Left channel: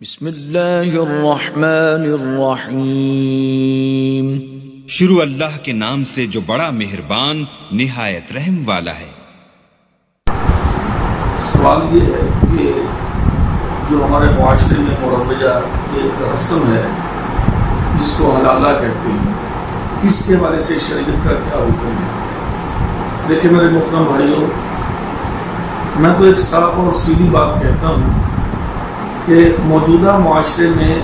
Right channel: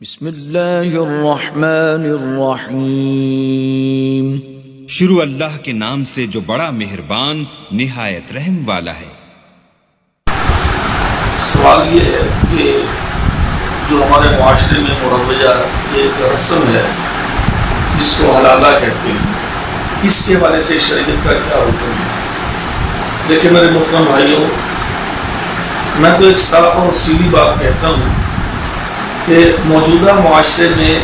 بسم اللہ الرحمن الرحیم۔ شروع اللہ کے نام سے جو بڑا مہربان نہایت رحم والا ہے۔ سوال یہ ہے کہ جو ہمارے معاشرے میں مروجہ ایک رسم ہے جس کو حلالہ کہتے ہیں، اس کے حوالے سے شریعت کا کیا حکم ہے؟ دیکھیں میرے محترم بھائیوں، میں تو ایک صاف اور سیدھی بات کہتا ہوں کہ موجودہ معاشرے میں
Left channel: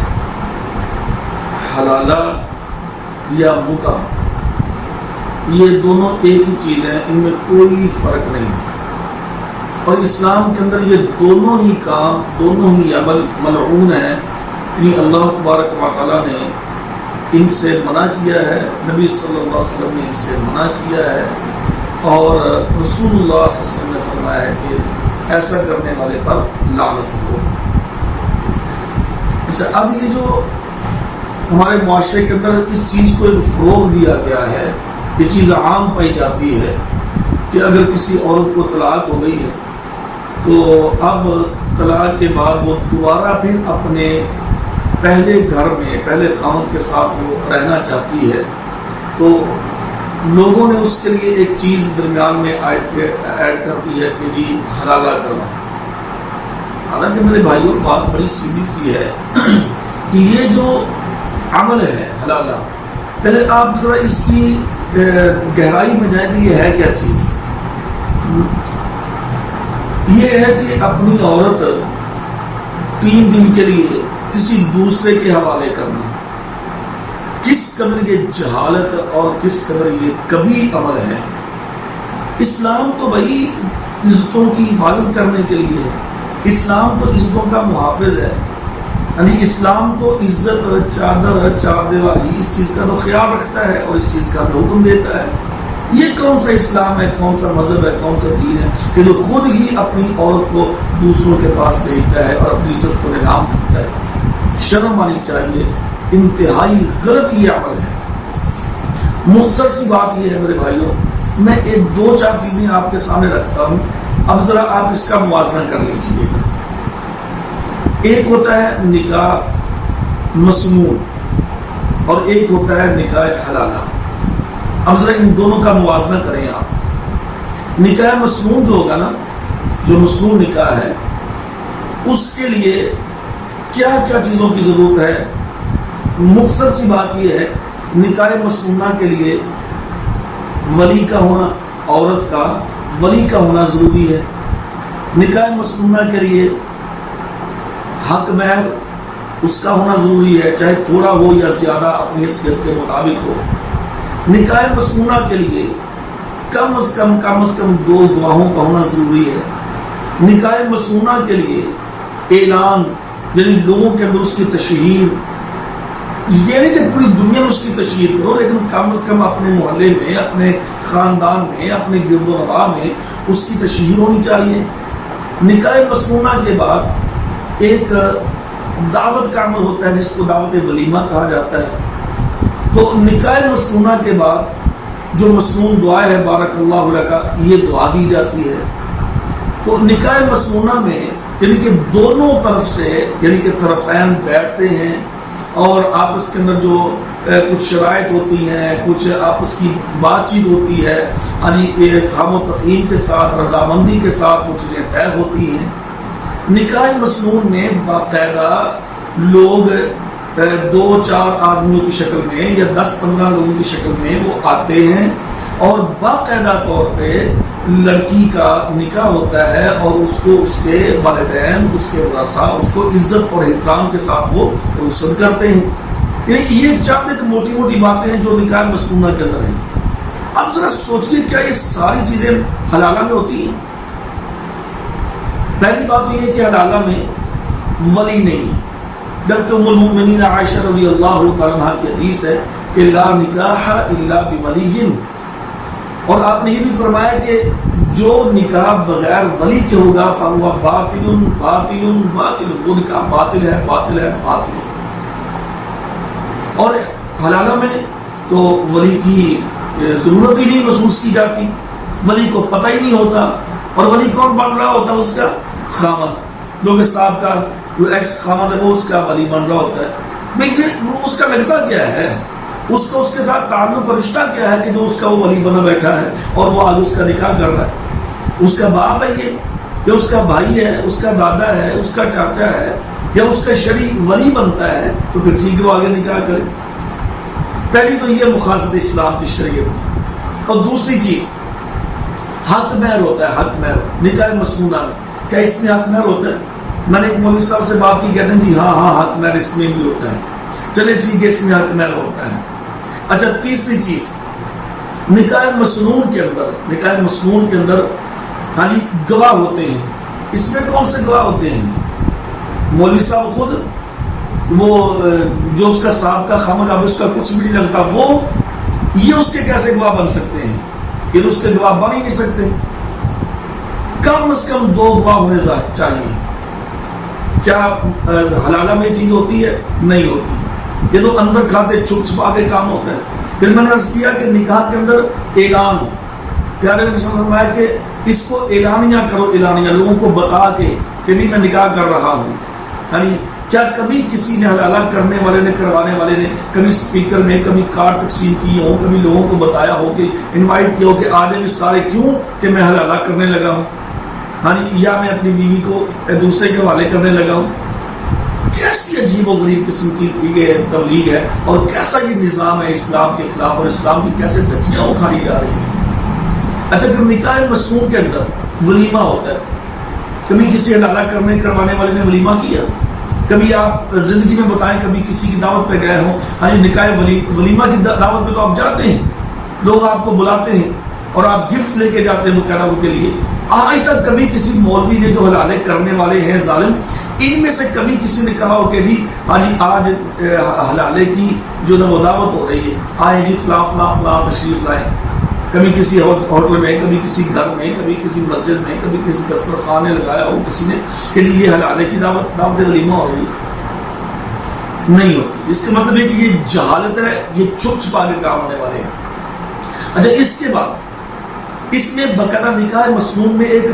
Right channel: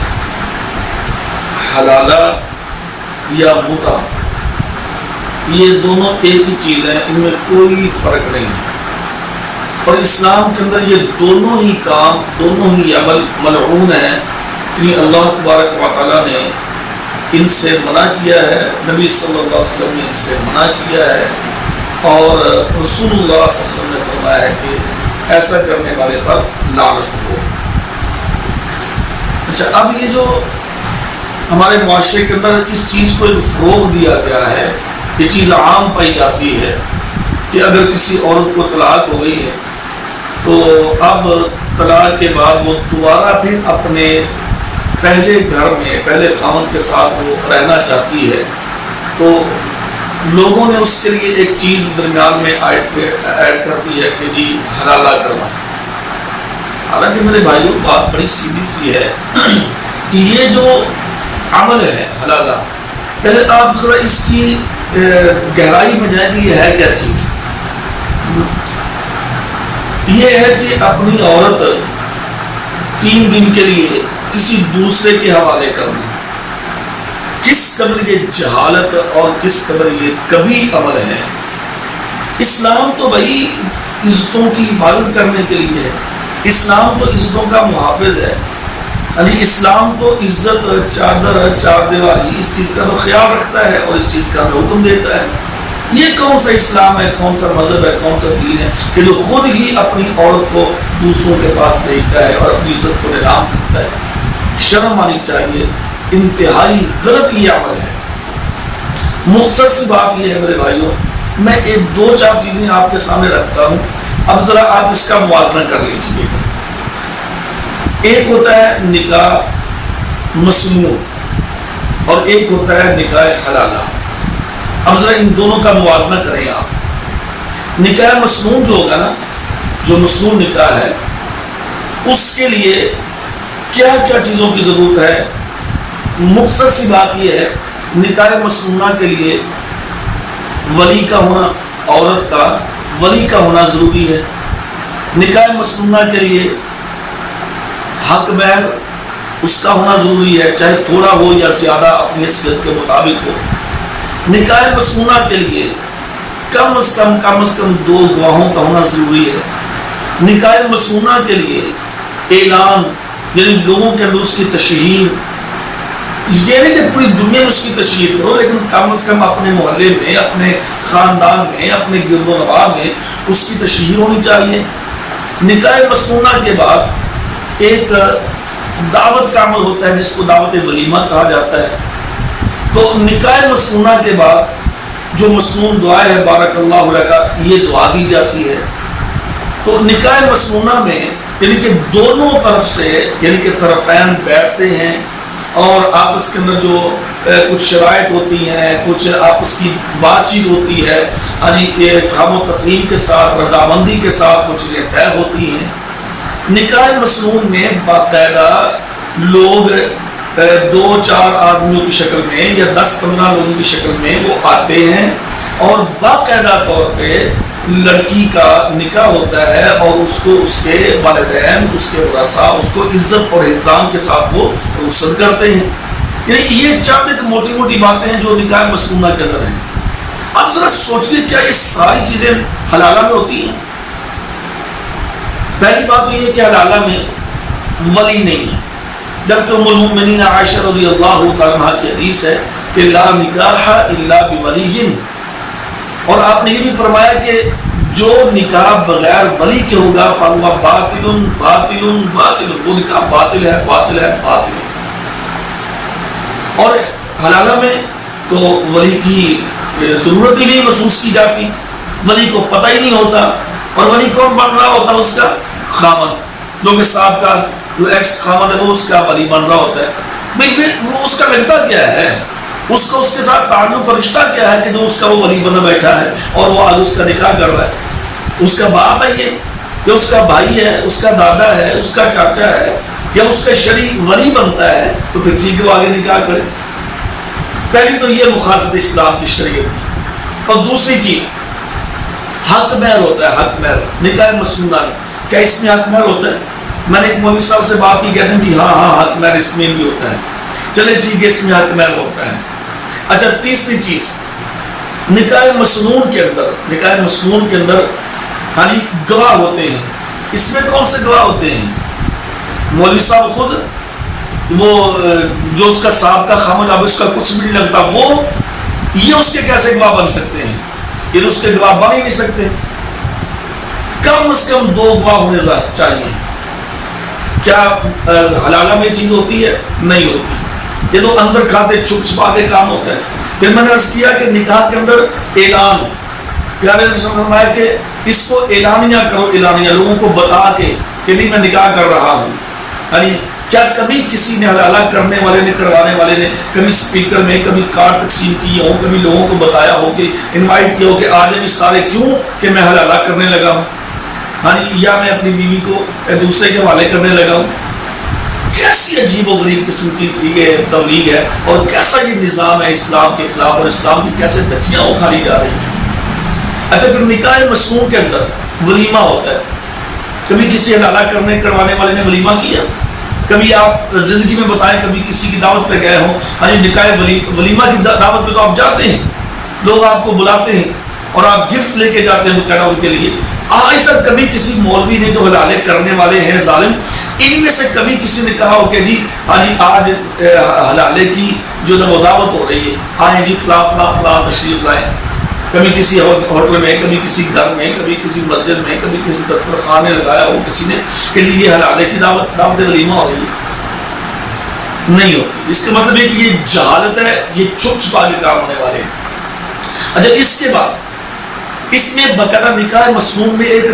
حلالہ یا متع یہ دونوں ایک ہی چیز ہیں، ان میں کوئی فرق نہیں ہے، اور اسلام کے اندر یہ دونوں ہی کام، دونوں ہی عمل ملعون ہیں، یعنی اللہ تبارک و تعالیٰ نے ان سے منع کیا ہے، نبی صلی اللہ علیہ وسلم نے ان سے منع کیا ہے، اور رسول اللہ صلی اللہ علیہ وسلم نے فرمایا ہے کہ ایسا کرنے والے پر لعنت ہو۔ اچھا، اب یہ جو ہمارے معاشرے کے اندر اس چیز کو ایک فروغ دیا گیا ہے، یہ چیز عام پائی جاتی ہے کہ اگر کسی عورت کو طلاق ہو گئی ہے تو اب طلاق کے بعد وہ دوبارہ پھر اپنے پہلے گھر میں پہلے خاوند کے ساتھ وہ رہنا چاہتی ہے، تو لوگوں نے اس کے لیے ایک چیز درمیان میں ایڈ کر دی ہے کہ جی حلالہ کرنا ہے۔ حالانکہ میرے بھائیوں بات بڑی سیدھی سی ہے کہ یہ جو عمل ہے حلالہ، پہلے آپ ذرا اس کی گہرائی میں جائیں کہ یہ ہے کیا چیز۔ یہ ہے کہ اپنی عورت 3 دن کے لیے کسی دوسرے کے حوالے کرنا، کس قدر یہ جہالت اور کس قدر یہ کبھی عمل ہے۔ اسلام تو بھائی عزتوں کی حفاظت کرنے کے لیے ہے، اسلام تو عزتوں کا محافظ ہے، یعنی اسلام تو عزت، چادر، چار دیواری، اس چیز کا تو خیال رکھتا ہے اور اس چیز کا حکم دیتا ہے۔ یہ کون سا اسلام ہے، کون سا مذہب ہے، کون سا دین ہے کہ جو خود ہی اپنی عورت کو دوسروں کے پاس بھیجتا ہے اور اپنی عزت کو نیلام کرتا ہے؟ شرم آنی چاہیے، انتہائی غلط یہ عمل ہے۔ مختصر سی بات یہ ہے میرے بھائیوں، میں ایک 2-4 چیزیں آپ کے سامنے رکھتا ہوں، اب ذرا آپ اس کا موازنہ کر لیجیے۔ ایک ہوتا ہے نکاح مسنون اور ایک ہوتا ہے نکاح حلالہ۔ اب ذرا ان دونوں کا موازنہ کریں آپ۔ نکاح مسنون جو ہوگا نا، جو مسنون نکاح ہے، اس کے لیے کیا کیا چیزوں کی ضرورت ہے؟ مختصر سی بات یہ ہے، نکاح مسنونہ کے لیے ولی کا ہونا، عورت کا ولی کا ہونا ضروری ہے۔ نکاح مسنونہ کے لیے حق مہر اس کا ہونا ضروری ہے، چاہے تھوڑا ہو یا زیادہ اپنی حیثیت کے مطابق ہو۔ نکاح مسنونہ کے لیے کم از کم 2 گواہوں کا ہونا ضروری ہے۔ نکاح مسنونہ کے لیے اعلان، یعنی لوگوں کے اندر اس کی تشہیر، یہ نہیں کہ پوری دنیا میں اس کی تشہیر کرو، لیکن کم از کم اپنے محلے میں، اپنے خاندان میں، اپنے گرد و نواح میں اس کی تشہیر ہونی چاہیے۔ نکاح مسنونہ کے بعد ایک دعوت کا عمل ہوتا ہے جس کو دعوت ولیمہ کہا جاتا ہے۔ تو نکاح مسنونہ کے بعد جو مسنون دعا ہے بارک اللہ لک، یہ دعا دی جاتی ہے۔ تو نکاح مسنونہ میں یعنی کہ دونوں طرف سے، یعنی کہ طرفین بیٹھتے ہیں اور آپس کے اندر جو کچھ شرائط ہوتی ہیں، کچھ آپس کی بات چیت ہوتی ہے، یعنی فہم و تفہیم کے ساتھ، رضامندی کے ساتھ وہ چیزیں طے ہوتی ہیں۔ نکاح مسنون میں باقاعدہ لوگ 2-4 آدمیوں کی شکل میں یا 10-15 لوگوں کی شکل میں وہ آتے ہیں اور باقاعدہ طور پہ لڑکی کا نکاح ہوتا ہے، اور اس کو اس کے والدین، اس کے ورثاء اس کو عزت اور احترام کے ساتھ وہ رخصت کرتے ہیں۔ یعنی یہ چند ایک موٹی موٹی باتیں ہیں جو نکاح مسنونہ کے اندر ہیں۔ اب ذرا سوچیے، کیا یہ ساری چیزیں حلالہ میں ہوتی ہیں؟ پہلی بات تو یہ کہ حلالہ میں ولی نہیں ہے، جبکہ ام المؤمنین عائشہ رضی اللہ تعالیٰ عنہا کی حدیث ہے کہ لا نکاح الا بولی، اور آپ نے یہ بھی فرمایا کہ جو نکاح بغیر ولی کے ہوگا فہو باطل باطل باطل، وہ نکاح باطل ہے باطل ہے باطل ہے۔ اور حلالہ میں تو ولی کی ضرورت ہی نہیں محسوس کی جاتی، ولی کو پتہ ہی نہیں ہوتا، اور ولی کون بن رہا ہوتا؟ اس کا خامد، جو کہ صاحب کا جو ایکس خامد ہے وہ اس کا ولی بن رہا ہوتا ہے، بھئی وہ اس کا لگتا کیا ہے، اس کا اس کے ساتھ تعلق اور رشتہ کیا ہے کہ جو اس کا وہ ولی بنا بیٹھا ہے اور وہ آج اس کا نکاح کر رہا ہے؟ اس کا باپ ہے یہ اس کا بھائی ہے، اس کا دادا ہے، اس کا چاچا ہے، یا اس کا شریک ولی بنتا ہے تو پھر ٹھیک ہے وہ آگے نکاح کرے۔ پہلی تو یہ مخالفت اسلام کی شریعت کی۔ اور دوسری چیز حق مہر ہوتا ہے، حق مہر نکاح مسنونہ میں، کیا اس میں حق مہر ہوتا ہے؟ میں نے ایک مولوی صاحب سے بات کی، کہتے ہیں جی ہاں حق مہر اس میں بھی ہوتا ہے، چلے ٹھیک ہے اس میں حق مہر ہوتا ہے۔ اچھا تیسری چیز، نکاح مسنون کے اندر ہاں جی گواہ ہوتے ہیں۔ اس میں کون سے گواہ ہوتے ہیں؟ مولوی صاحب خود، وہ جو اس کا سابقہ خامد اب اس کا کچھ بھی نہیں لگتا، وہ یہ اس کے کیسے گواہ بن سکتے ہیں؟ یہ اس کے گواہ بن ہی نہیں سکتے۔ کم از کم 2 گواہ ہونے چاہیے۔ کیا حلالہ میں یہ چیز ہوتی ہے؟ نہیں ہوتی، یہ تو اندر کھاتے چھپ چھپا کے کام ہوتا ہے۔ پھر میں نے عرض کیا کہ نکاح کے اندر اعلان، پیارے نبی صلی اللہ علیہ وسلم فرمایا کہ اس کو اعلانیہ کرو، اعلانیہ لوگوں کو بتا کے کہ نہیں میں نکاح کر رہا ہوں۔ یعنی کیا کبھی کسی نے حلالہ کرنے والے نے، کروانے والے نے کبھی سپیکر میں کبھی کارڈ تقسیم کیے ہوں، کبھی لوگوں کو بتایا ہو کہ انوائٹ کیا ہو کہ آج بھی سارے کیوں کہ میں حلالہ کرنے لگا ہوں، ہاں یا میں اپنی بیوی کو دوسرے کے حوالے کرنے لگا ہوں؟ کیسی عجیب و غریب قسم کی یہ تبلیغ ہے، اور کیسا یہ نظام ہے اسلام کے خلاف، اور اسلام کی کیسے دھجیاں اکھاڑی جا رہی ہیں۔ اچھا پھر نکاح مسنون کے اندر ولیمہ ہوتا ہے۔ کبھی کسی حلالہ کروانے والے نے ولیمہ کیا؟ کبھی آپ زندگی میں بتائیں کبھی کسی کی دعوت پہ گئے ہوں، ہاں جی نکاح ولیمہ کی دعوت پہ تو آپ جاتے ہیں، لوگ آپ کو بلاتے ہیں اور آپ گفٹ لے کے جاتے ہیں باقاعدہ ان کے لیے۔ آج تک کبھی کسی مولوی نے جو حلالے کرنے والے ہیں ظالم، ان میں سے کبھی کسی نے کہا ہو کہ جی ہاں جی آج حلالے کی جو وہ دعوت ہو رہی ہے، آئیں جی فلاں فلاں فلاں تشریف لائیں؟ کبھی کسی ہوٹل میں، کبھی کسی گھر میں، کبھی کسی مسجد میں، کبھی کسی دسترخوان نے لگایا ہو کسی نے کہ جی یہ حلالے کی دعوت ولیمہ ہو رہی ہے؟ نہیں ہوتی۔ اس کا مطلب ہے کہ یہ جہالت ہے، یہ چھپ چھپا کے کام ہونے والے ہیں۔ اچھا اس کے بعد اس میں باقاعدہ نکاح مسنون میں ایک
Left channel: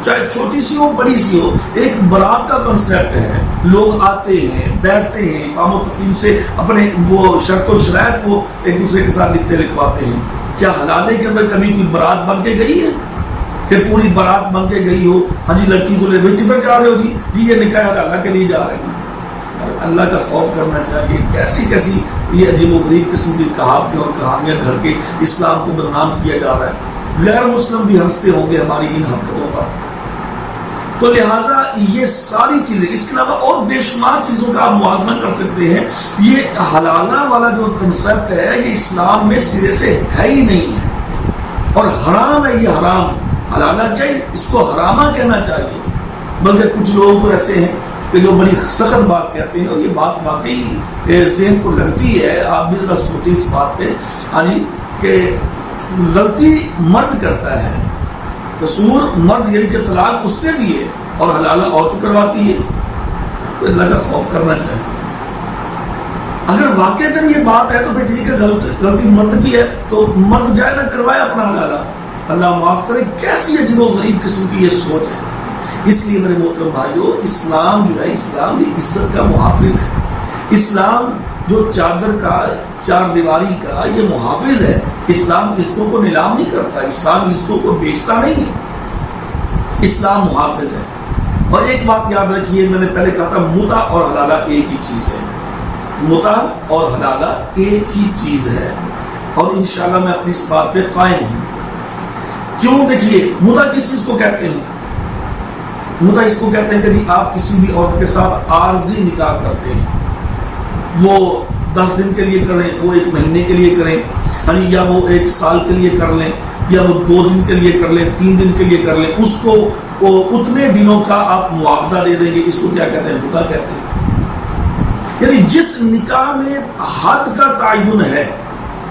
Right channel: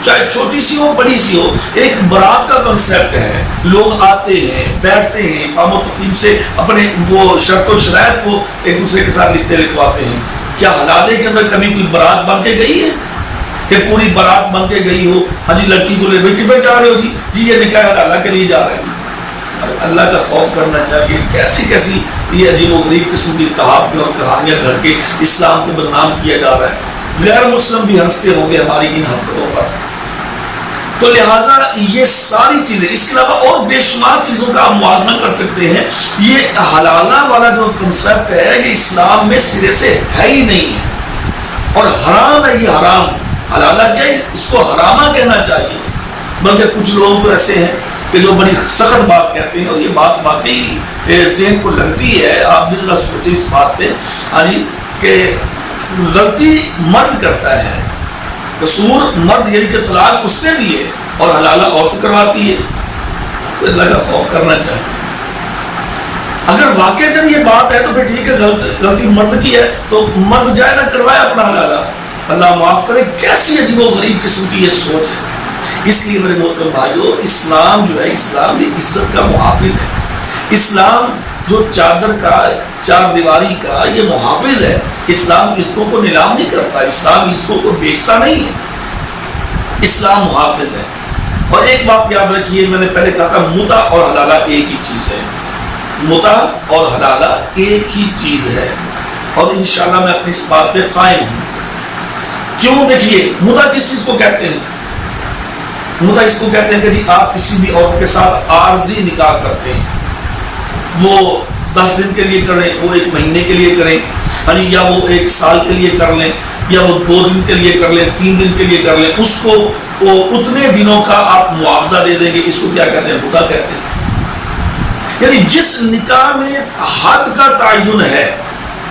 چاہے چھوٹی سی ہو بڑی سی ہو، ایک برات کا کنسیپٹ ہے۔ لوگ آتے ہیں، بیٹھتے ہیں، افہام و تفہیم سے اپنے وہ شرط و شرائط کو ایک دوسرے کے ساتھ لکھواتے ہیں۔ کیا حلالے کے اندر کبھی کوئی برات بن کے گئی ہے کہ پوری برات بن کے گئی ہو؟ ہاں جی لڑکی کو لے بھائی کدھر جا رہے ہو؟ جی یہ نکاح حلالہ کے لیے جا رہے ہیں۔ اللہ کا خوف کرنا چاہیے۔ کیسی کیسی یہ عجیب و غریب قسم کی کہاوتیں اور کہانیاں گھڑ کے اسلام کو بدنام کیا جا رہا ہے۔ غیر مسلم بھی ہنستے ہوں گے ہماری ان حرکتوں پر۔ تو لہٰذا یہ ساری چیزیں، اس کے علاوہ اور بے شمار چیزوں کا آپ موازنہ کر سکتے ہیں۔ یہ حلالہ والا جو کنسیپٹ ہے یہ اسلام میں سرے سے ہے ہی نہیں ہے، اور حرام ہے۔ یہ حرام، حلالہ کیا ہے، اس کو حرامہ کہنا چاہیے۔ بلکہ کچھ لوگ تو ایسے ہیں کہ جو بڑی سخت بات کہتے ہیں، اور یہ بات واقعی ذہن کو لگتی ہے۔ آپ بھی ذرا سوچیں اس بات پہ، یعنی کہ غلطی مرد کرتا ہے، قصور مرد یعنی کہ طلاق اس نے دیے اور حلالہ عورت کرواتی ہے۔ تو اللہ کا خوف کرنا چاہیے۔ اگر واقع یہ بات ہے تو پھر ٹھیک ہے، غلطی مرد کی ہے تو مرد جائے نہ کروائے اپنا حلالہ، اللہ معاف کرے۔ کیسی عجیب و غریب قسم کی یہ سوچ ہے۔ اس لیے میرے محترم بھائیو، اسلام جو ہے، اسلام یہ عزت کا محافظ ہے۔ اسلام جو چادر کا، چار دیواری کا یہ محافظ ہے۔ اسلام عزتوں کو نیلام نہیں کرتا، اسلام عزتوں کو بیچتا نہیں ہے، اسلام محافظ ہے۔ اور ایک بات یاد رکھیے، میں نے پہلے کہا تھا متع اور حلالہ ایک ہی چیز ہے۔ متع اور حلالہ ایک ہی چیز ہے، اور انشاءاللہ میں اپنی اس بات پہ قائم ہوں۔ کیوں؟ دیکھیے متع کس چیز کو کہتے ہیں؟ متع اس کو کہتے ہیں کہ جی آپ کسی بھی عورت کے ساتھ عارضی نکاح کرتے ہیں، وہ 10 دن کے لیے کریں، وہ 1 مہینے کے لیے کریں، یعنی یا وہ 1 سال کے لیے کر لیں، یا وہ 2 دن کے لیے کر لیں، 3 دن کے لیے کر لیں، اس کو وہ اتنے دنوں کا آپ معاوضہ دے دیں گے۔ اس کو کیا کہتے ہیں؟ متع کہتے ہیں۔ یعنی جس نکاح میں حد کا تعین ہے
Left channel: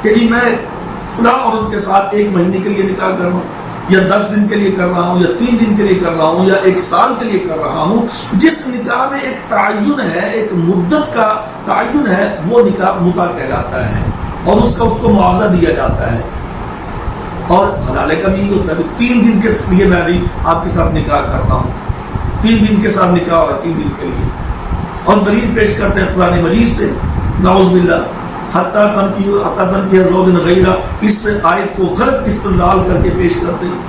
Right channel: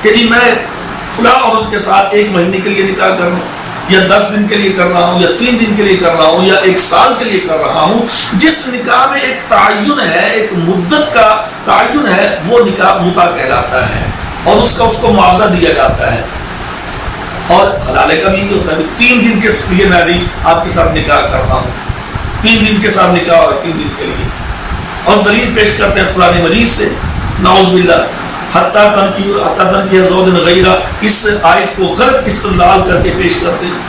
کہ جی میں فلاں عورت کے ساتھ 1 مہینے کے لیے نکاح کر رہا ہوں، یا 10 دن کے لیے کر رہا ہوں، یا 3 دن کے لیے کر رہا ہوں، یا 1 سال کے لیے کر رہا ہوں، جس نکاح میں ایک تعین ہے، ایک مدت کا تعین ہے، وہ نکاح متع کہلاتا ہے، اور اس کو معاوضہ دیا جاتا ہے۔ اور حلالے کا بھی یہی ہوتا ہے کہ 3 دن کے لیے میں آپ کے ساتھ نکاح کر رہا ہوں، 3 دن کے ساتھ نکاح اور 3 دن کے لیے، اور دلیل پیش کرتے ہیں قرآن مجید سے، نعوذ باللہ، حتیٰ تنکی زوج غیرہ، اس آیت کو غلط استدلال کر کے پیش کرتے ہیں۔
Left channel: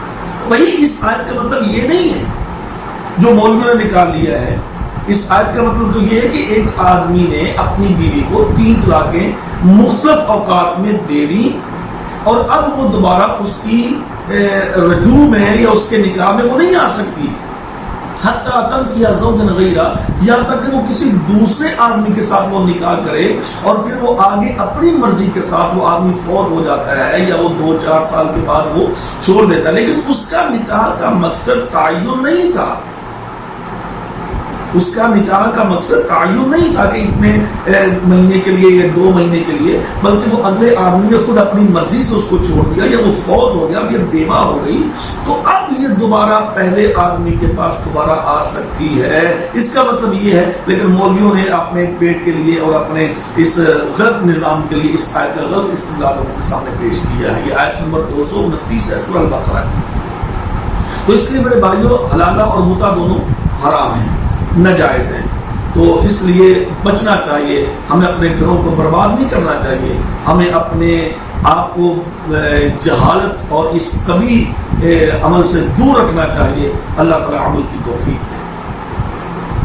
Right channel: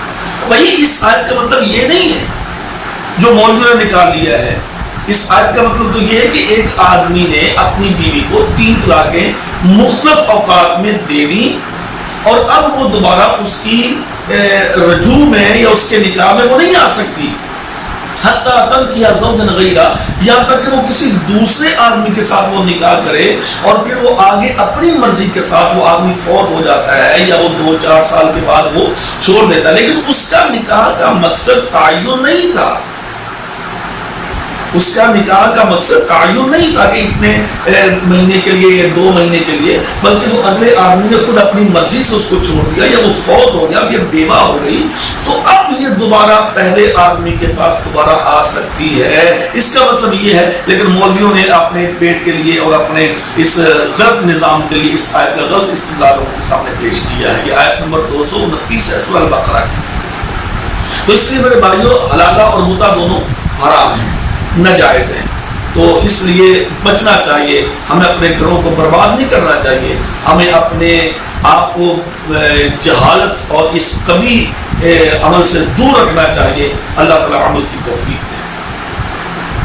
بھائی اس آیت کا مطلب یہ نہیں ہے جو مولویوں نے نکال لیا ہے، اس آیت کا مطلب تو یہ ہے کہ ایک آدمی نے اپنی بیوی کو 3 طلاقیں مختلف اوقات میں دے دی اور اب وہ دوبارہ اس کی رجوع میں یا اس کے نکاح میں وہ نہیں آ سکتی، حتیٰ تنکیہ زوجا غیرہ، یہاں تک کہ وہ کسی دوسرے آدمی کے ساتھ وہ نکاح کرے اور پھر وہ آگے اپنی مرضی کے ساتھ وہ آدمی فوت ہو جاتا ہے یا وہ 2-4 سال کے بعد وہ چھوڑ دیتا ہے، لیکن اس کا نکاح کا مقصد تعین نہیں تھا، اس کا نکاح کا مقصد تعین نہیں تھا کہ اتنے مہینے کے لیے یا 2 مہینے کے لیے، بلکہ وہ اگلے آدمی نے خود اپنی مرضی سے اس کو چھوڑ دیا یا وہ فوت ہو گیا، اب یہ بیوہ ہو گئی، تو اب یہ دوبارہ پہلے آدمی کے پاس دوبارہ آ سکتی ہے، اس کا مطلب یہ ہے۔ لیکن مولویوں نے اپنے پیٹ کے لیے اور اپنے اس غلط نظام کے لیے اس آیت کا غلط استدلال ان کے سامنے پیش کیا ہے۔ یہ آیت نمبر 229 ہے سورہ البقرہ کی۔ تو اس لیے میرے بھائیوں، حلالہ اور متع دونوں حرام ہیں، ناجائز ہیں، تو اس لیے بچنا چاہیے، ہمیں اپنے گھروں کو برباد نہیں کرنا چاہیے، ہمیں اپنے آپ کو جہالت اور اس کبھی عمل سے دور رکھنا چاہیے۔ اللہ تعالیٰ عمل کی توفیق دے۔